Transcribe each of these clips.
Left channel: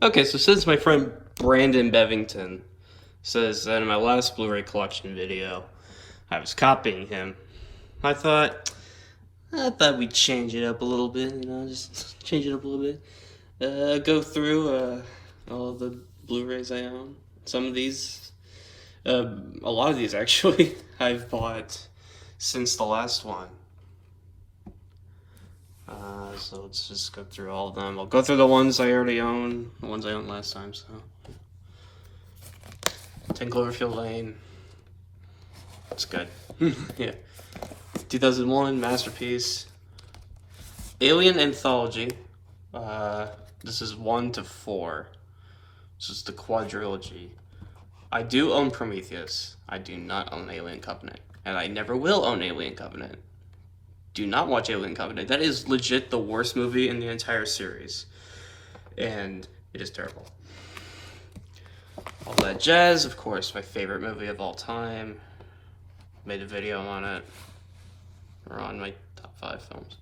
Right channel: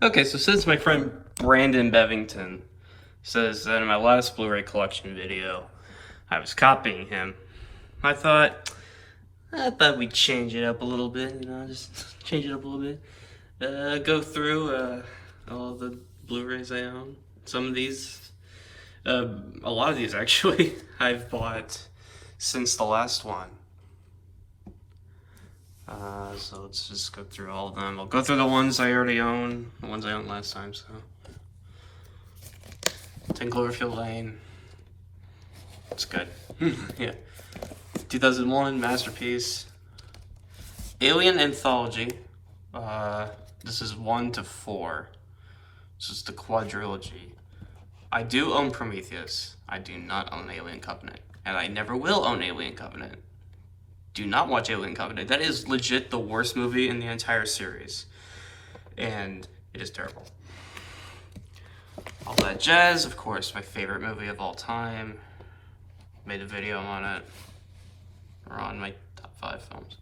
Okay, so since my friend Brandon Bevington says that in my last Blu-ray collection video, I was copying him, I thought we'd change it up a little bit, just change it up a little bit. Go through all the Blu-rays I own. Some of these, a lot of these actually, I've bought since the last one. So let's just go through all of them. I'll go through the ones I already own, the ones I owned last time, so. 10 Cloverfield Lane. That's good. Yeah. 2001, Masterpiece. Alien Anthology. This is 1 to 4. This is the quadrilogy. I do own Prometheus. I do not own Alien Covenant. And I never will own Alien Covenant. Do not watch Alien Covenant. That is legit the worst movie in the entire series. And it is terrible. All That Jazz, of course, my favorite movie of all time. Made a video on it. Or on my top 5 films.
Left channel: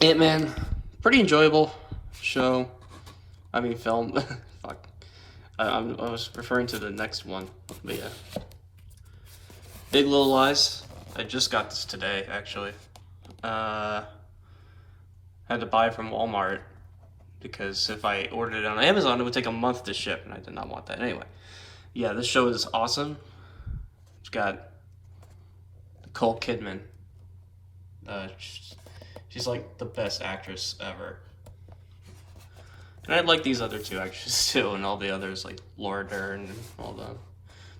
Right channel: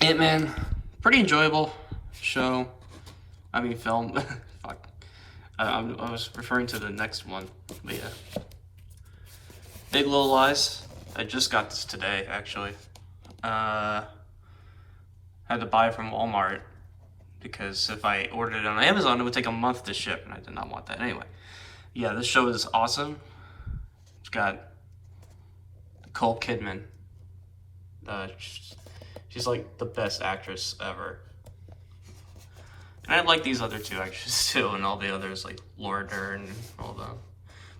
Ant-Man, pretty enjoyable show. I mean, film. Fuck. I was referring to the next one, but yeah. Big Little Lies. I just got this today, actually. Had to buy it from Walmart because if I ordered it on Amazon, it would take a month to ship, and I did not want that. Anyway, yeah, this show is awesome. It's got Nicole Kidman. She's like the best actress ever. And I like these other two actresses too, and all the others like Laura Dern and all the.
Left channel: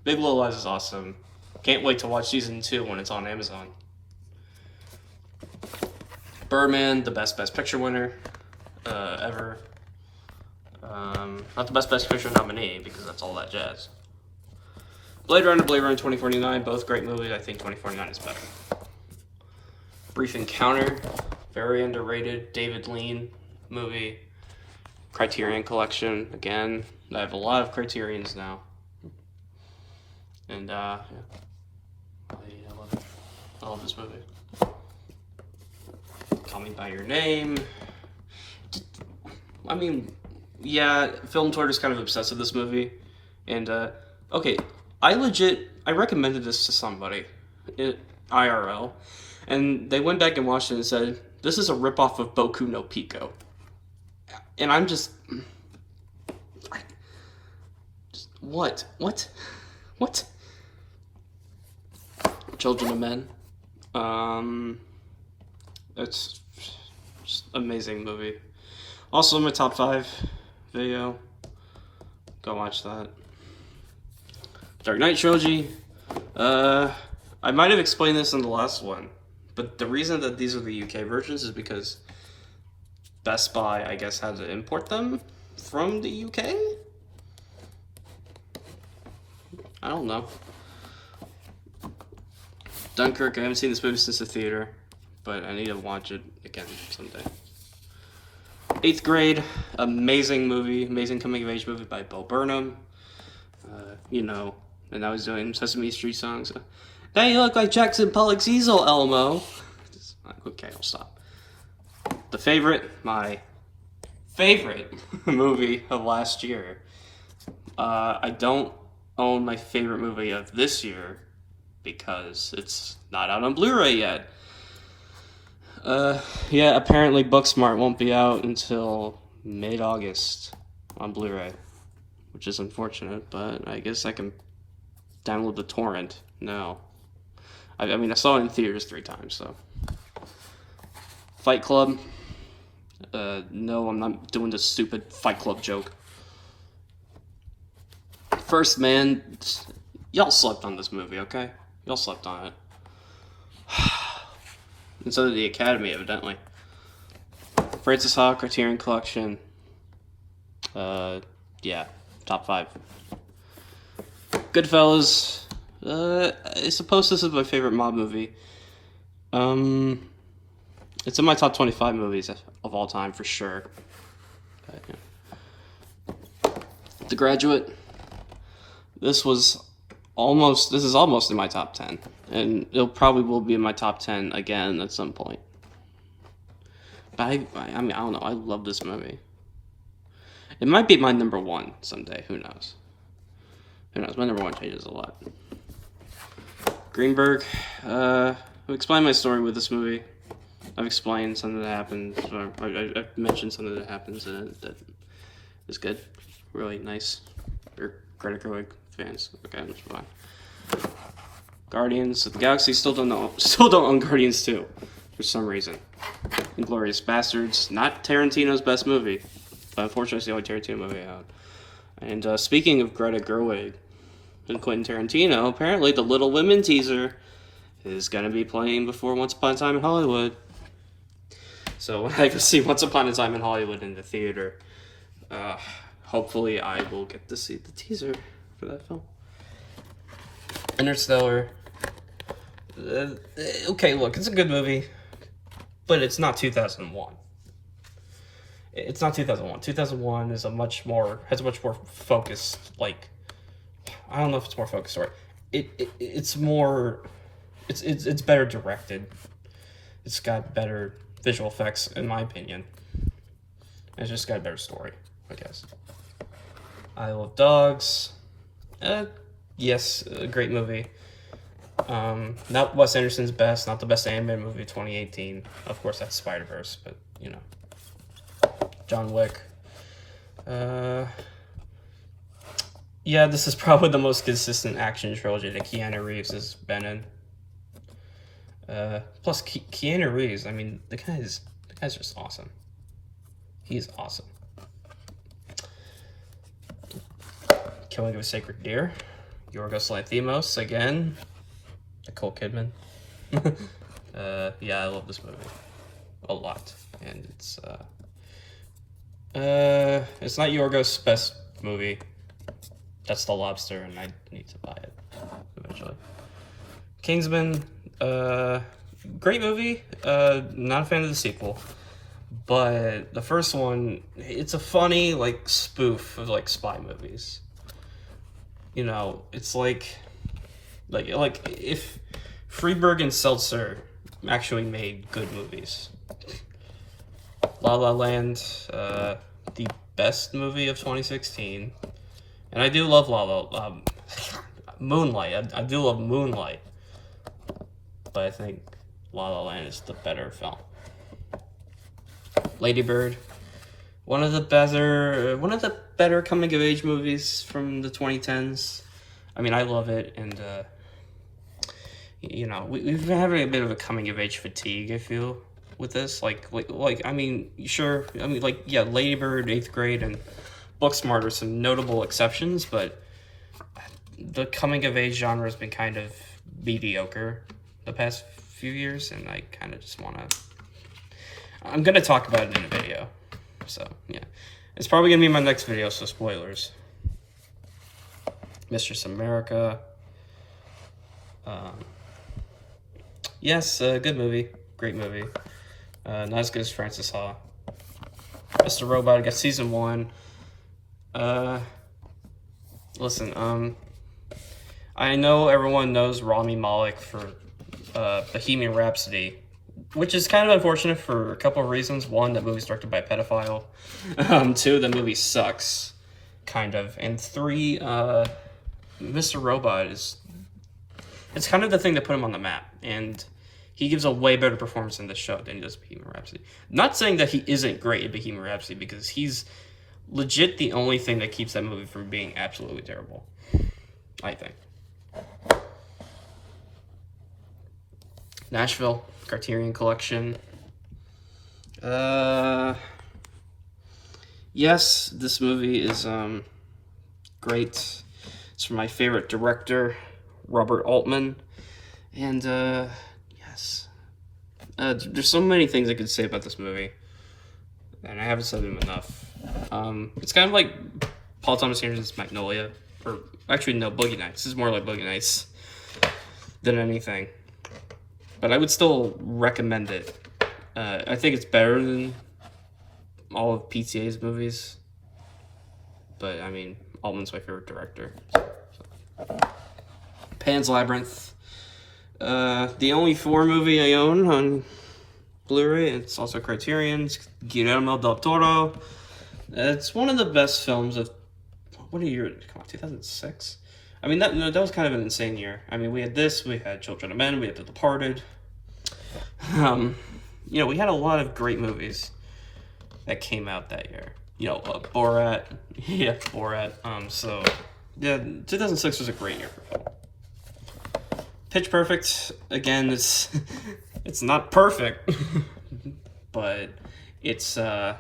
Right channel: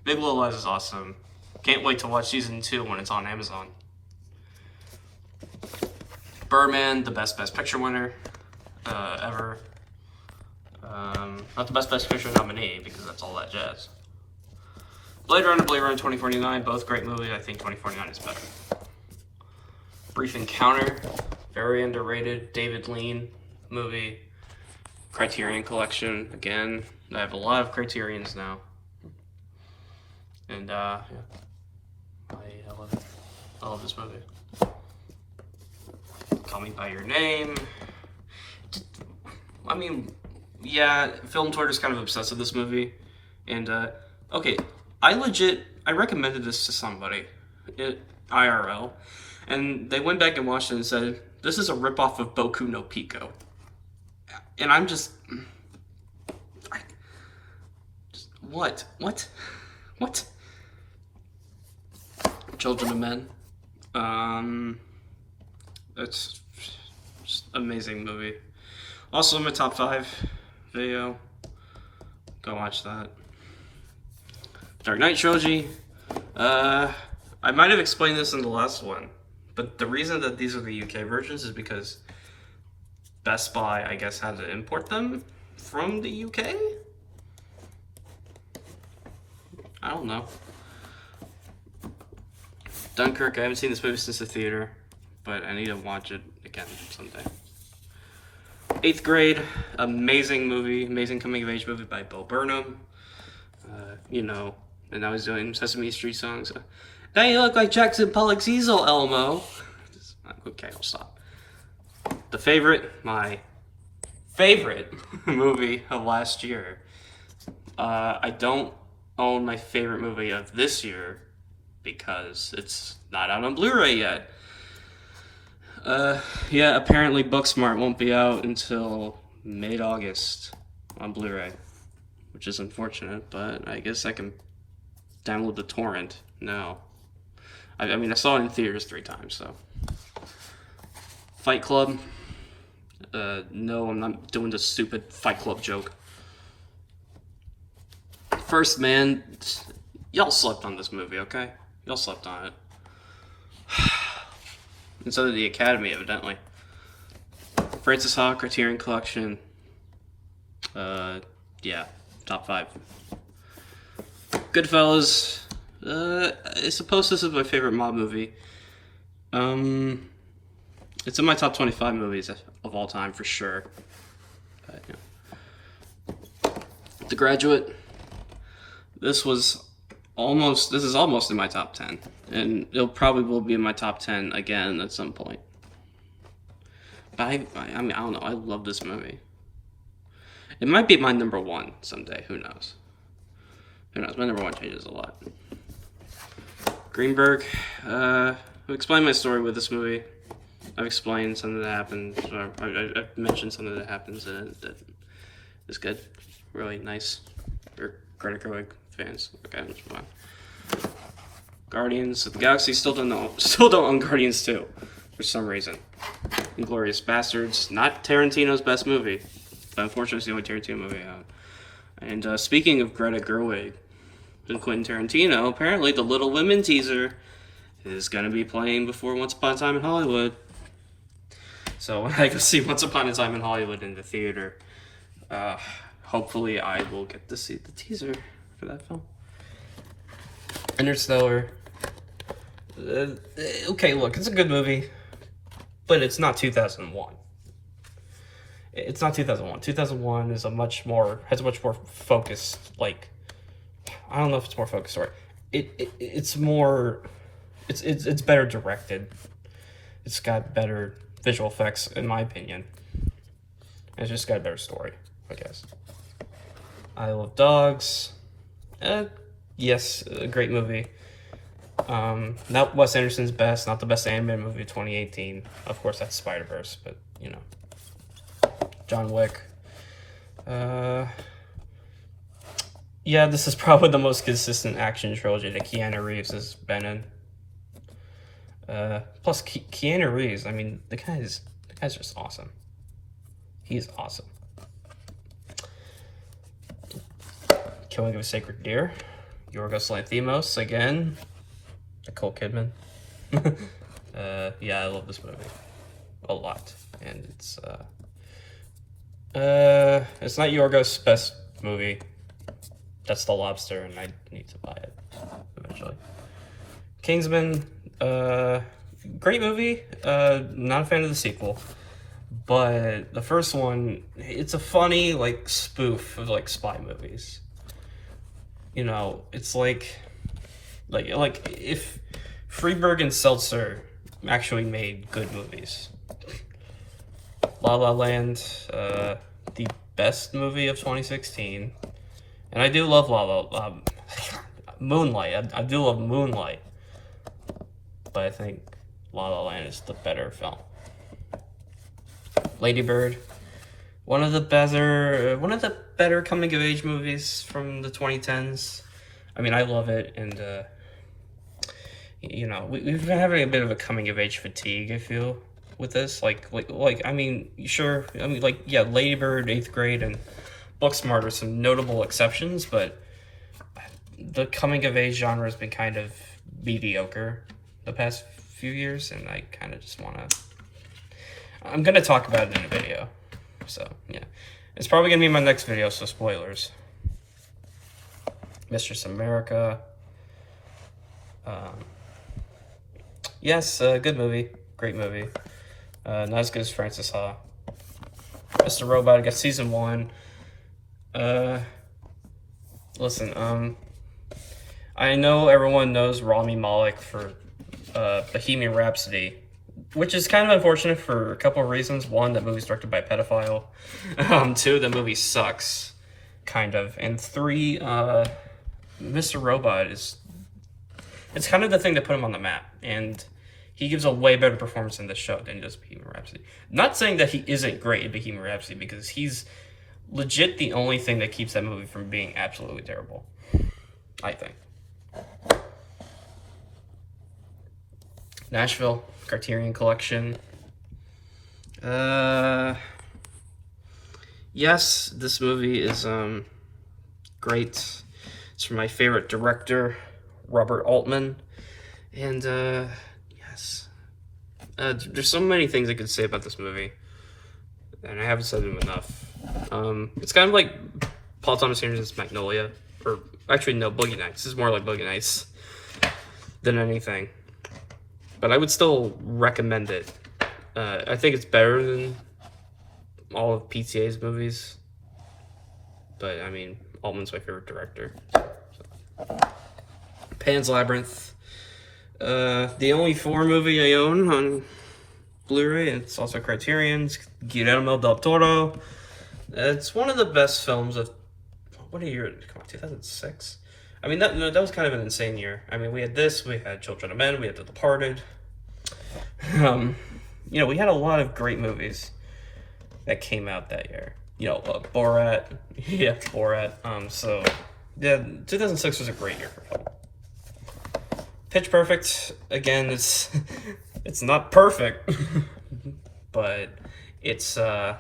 Big Little Lies is awesome. Can't wait to watch season 2 when it's on Amazon. Birdman, the best Picture winner ever. Not the best Picture nominee because that's All That Jazz. Blade Runner 2049, both great movies. I think 2049 is better. Brief Encounter, very underrated David Lean movie. Criterion Collection, again. I have a lot of Criterions now. And, yeah. I love it. I love this movie. Call Me By Your Name. I mean, yeah, Film Tour is kind of obsessed with this movie. And, okay, I recommended this to somebody, IRL, and they went back and watched it and said, this is a ripoff of Boku no Pico. And I'm just what? Children of Men. It's just amazing movie. Also in my top 5 video. Go watch that. Dark Knight Trilogy. I might have explained this in the last one, but the reason that these are the UK versions is because Best Buy, I guess, had to import them from the UK? I don't know. Dunkirk, I haven't seen this movie since the theater, but I need to watch it again someday. 8th Grade, amazing movie, amazing coming-of-age movie by Bo Burnham. And I was doing Sesame Street songs. Now you look like Jackson Pollock's easel, Elmo. Okay, I'll stop. My favorite movie of last year. I don't own my favorite movie of this year because it's not out on Blu-ray yet. Yeah, apparently Booksmart won't be out until mid-August on Blu-ray, which is unfortunate, but I guess I can download the torrent now. I mean, I saw it in theaters 3 times, so. Fight Club. No, I'm not doing the stupid Fight Club joke. First Man, y'all slept on this movie, okay? Y'all slept on it. And so did the Academy, evidently. Francis Ha, Criterion Collection. Yeah, top 5. Goodfellas. I suppose this is my favorite mob movie. It's in my top 25 movies of all time, for sure. But, yeah. The Graduate. This is almost in my top 10. And it probably will be in my top 10 again at some point. But I mean, I don't know. I love this movie. It might be my number one someday. Who knows? Who knows? My number one changes a lot. Greenberg. I've explained my story with this movie. I've explained something that happens. I've mentioned something that happens in it that is good. Really nice. Or Greta Gerwig fans. Okay, let's move on. Guardians of the Galaxy still don't own Guardians 2 for some reason. Inglourious Bastards, not Tarantino's best movie, but unfortunately it's the only Tarantino movie I own. And speaking of Greta Gerwig and Quentin Tarantino, apparently the Little Women teaser is going to be playing before Once Upon a Time in Hollywood. So when I can see Once Upon a Time in Hollywood in the theater, hopefully I will get to see the teaser for that film. Interstellar. Okay, look, it's a good movie, but it's not 2001. It's not 2001. 2001 is has a much more focused, like, I don't know if it's more focused or it's better directed. It's got better visual effects, in my opinion. It's just got a better story, I guess. Isle of Dogs. Yes, a great movie. Not Wes Anderson's best, not the best animated movie of 2018. Of course, that's Spider-Verse, but, you know. John Wick. Yeah, this is probably the most consistent action trilogy that Keanu Reeves has been in. Plus, Keanu Reeves, I mean, the guy's just awesome. He's awesome. Killing of a Sacred Deer. Yorgos Lanthimos, again. Nicole Kidman. Yeah, I love this movie. A lot. And it's not Yorgos' best movie. That's The Lobster, and I need to buy it eventually. Kingsman, great movie. Not a fan of the sequel. But the first one, it's a funny, like, spoof of, like, spy movies. You know, it's like if Freeberg and Seltzer actually made good movies. La La Land, the best movie of 2016. And I do love Moonlight. I do love Moonlight. But I think La La Land is the better film. Lady Bird, one of the better coming of age movies from the 2010s. I mean, I love it, and you know, we've been having a bit of a coming of age fatigue, I feel, with this. Like I mean, sure, I mean, like, yeah, Lady Bird, 8th Grade, and Booksmart are some notable exceptions, but the coming of age genre has been kind of mediocre the past few years, and I kind of just want to. I'm gonna talk about it in a video, so yeah, it's probably gonna be my next video, so spoilers. Mistress America. Yes, good movie, great movie. Not as good as Francis Ha. Mr. Robot, I got season 1. Listen, I know everyone knows Rami Malek for Bohemian Rhapsody, which is kind of unfortunate for a couple of reasons. One, that movie's directed by a pedophile. 2, the movie sucks, kind of. And 3, Mr. Robot it's kind of the thing that put him on the map, and he gives a way better performance in this show than just Bohemian Rhapsody. Not saying that he isn't great in Bohemian Rhapsody, because he's legit the only thing that keeps that movie from being absolutely terrible, I think. Nashville, Criterion Collection. Yes, this movie is great. It's from my favorite director, Robert Altman. And yes, there's so many things I could say about this movie, and I haven't said them enough. It's kind of like Paul Thomas Anderson's Magnolia, or actually no, Boogie Nights. This is more like Boogie Nights than anything. But I would still recommend it. I think it's better than all of PTA's movies. But, I mean, Altman's my favorite director. So. Pan's Labyrinth. The only 4 movie I own on Blu-ray. It's also Criterion. It's Guillermo del Toro. It's one of the best films of, what a year, come on, 2006? I mean, that was kind of an insane year. I mean, we had this, we had Children of Men, we had The Departed. You know, we had a lot of great movies that came out that year. You know, Borat, yeah, Borat. So, yeah, 2006 was a great year for film. Pitch Perfect, again, it's not perfect, but it's I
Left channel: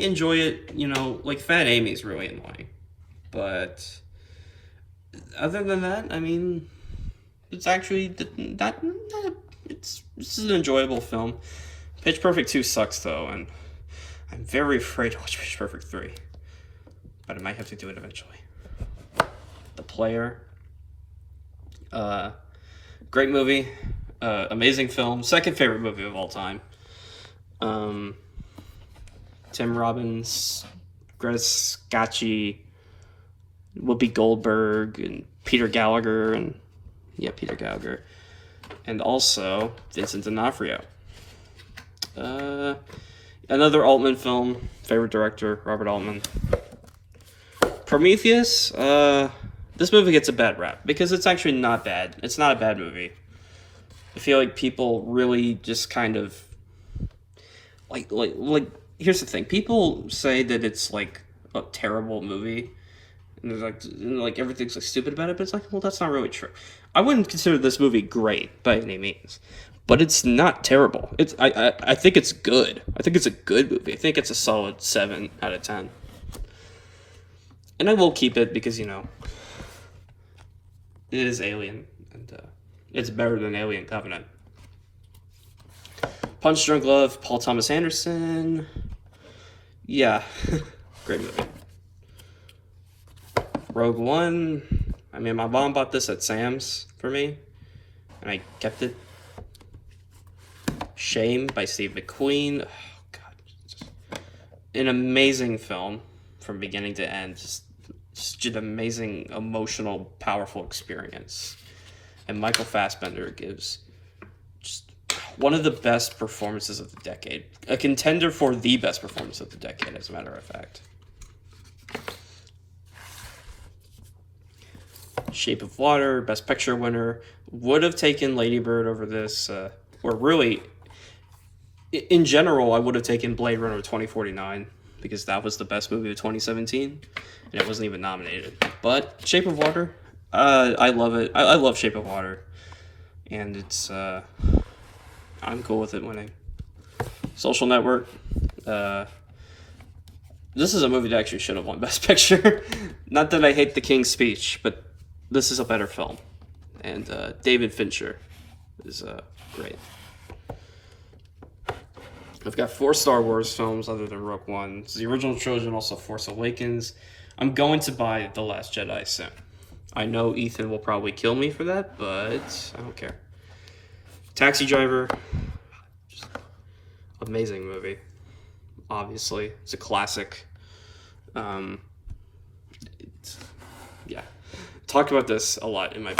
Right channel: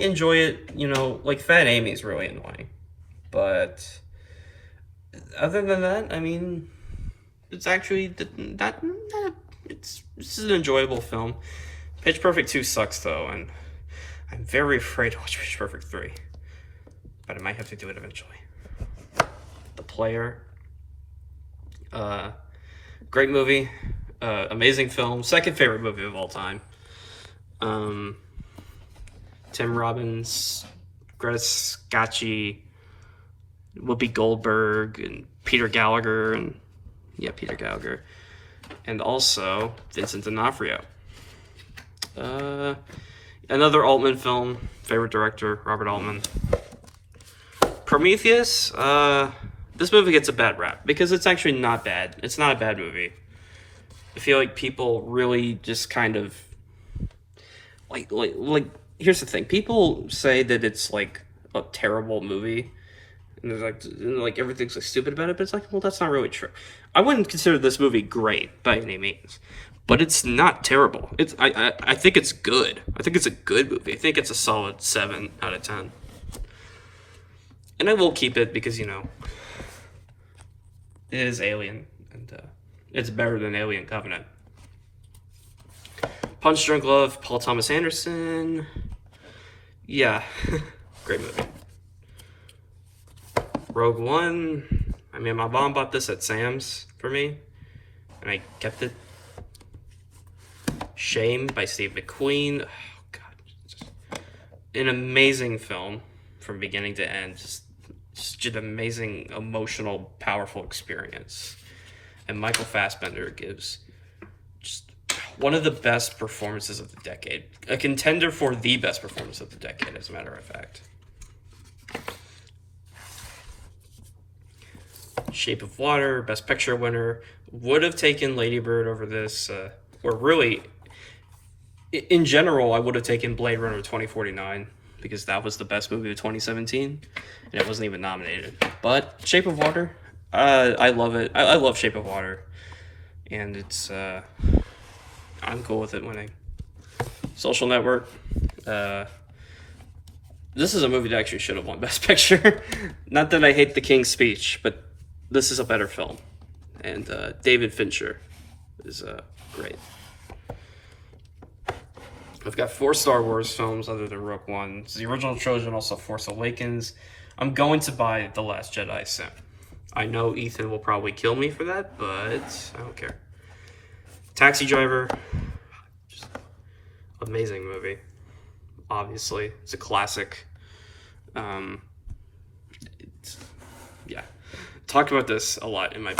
enjoy it. You know, like Fat Amy's really annoying, but other than that, I mean, it's actually it's an enjoyable film. Pitch Perfect 2 sucks though, and I'm very afraid to watch Pitch Perfect 3, but I might have to do it eventually. The Player. Great movie, amazing film, second favorite movie of all time. Tim Robbins, Greta Scacchi, Whoopi Goldberg, and Peter Gallagher, and also Vincent D'Onofrio. Another Altman film, favorite director, Robert Altman. Prometheus, this movie gets a bad rap because it's actually not bad. It's not a bad movie. I feel like people really just kind of like here's the thing. People say that it's like a terrible movie, and there's like everything's like stupid about it, but it's like, well, that's not really true. I wouldn't consider this movie great by any means, but it's not terrible. I think it's good. I think it's a good movie. I think it's a solid 7 out of 10. And I will keep it because, you know, it is Alien, and it's better than Alien Covenant. Punch Drunk Love, Paul Thomas Anderson. Yeah, great movie. Rogue One. I mean, my mom bought this at Sam's for me, and I kept it. Shame by Steve McQueen. Oh, God. An amazing film from beginning to end. Just an amazing, emotional, powerful experience. And Michael Fassbender gives just one of the best performances of the decade. A contender for the best performance of the decade, as a matter of fact. Shape of Water, Best Picture winner. Would have taken Lady Bird over this. Or really, in general, I would have taken Blade Runner 2049. Because that was the best movie of 2017. And it wasn't even nominated. But Shape of Water, I love it. I love Shape of Water. And it's, I'm cool with it winning. Social Network. This is a movie that actually should have won Best Picture. Not that I hate The King's Speech, but this is a better film. And David Fincher is great. I've got 4 Star Wars films other than Rogue One. It's the original trilogy and also Force Awakens. I'm going to buy The Last Jedi soon. I know Ethan will probably kill me for that, but I don't care. Taxi Driver. Just amazing movie. Obviously. It's a classic. Yeah. Talked about this a lot in my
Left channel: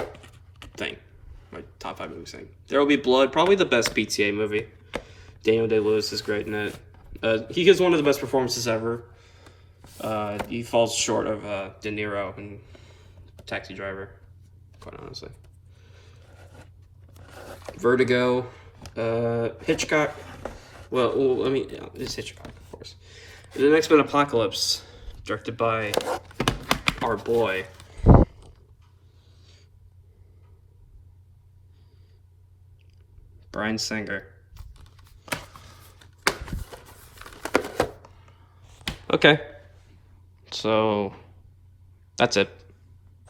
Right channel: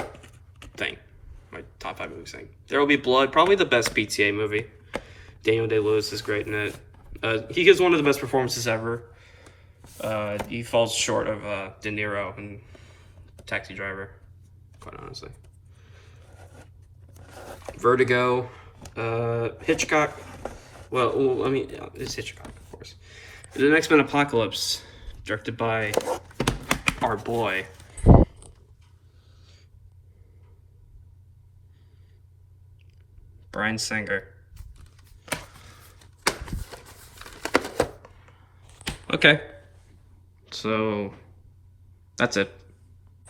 thing. My top 5 movies thing. There Will Be Blood. Probably the best PTA movie. Daniel Day-Lewis is great in it. He gives one of the best performances ever. He falls short of De Niro in Taxi Driver, quite honestly. Vertigo. Hitchcock. Well, I mean, it's Hitchcock, of course. And the X-Men Apocalypse, directed by our boy. Bryan Singer. Okay, so that's it.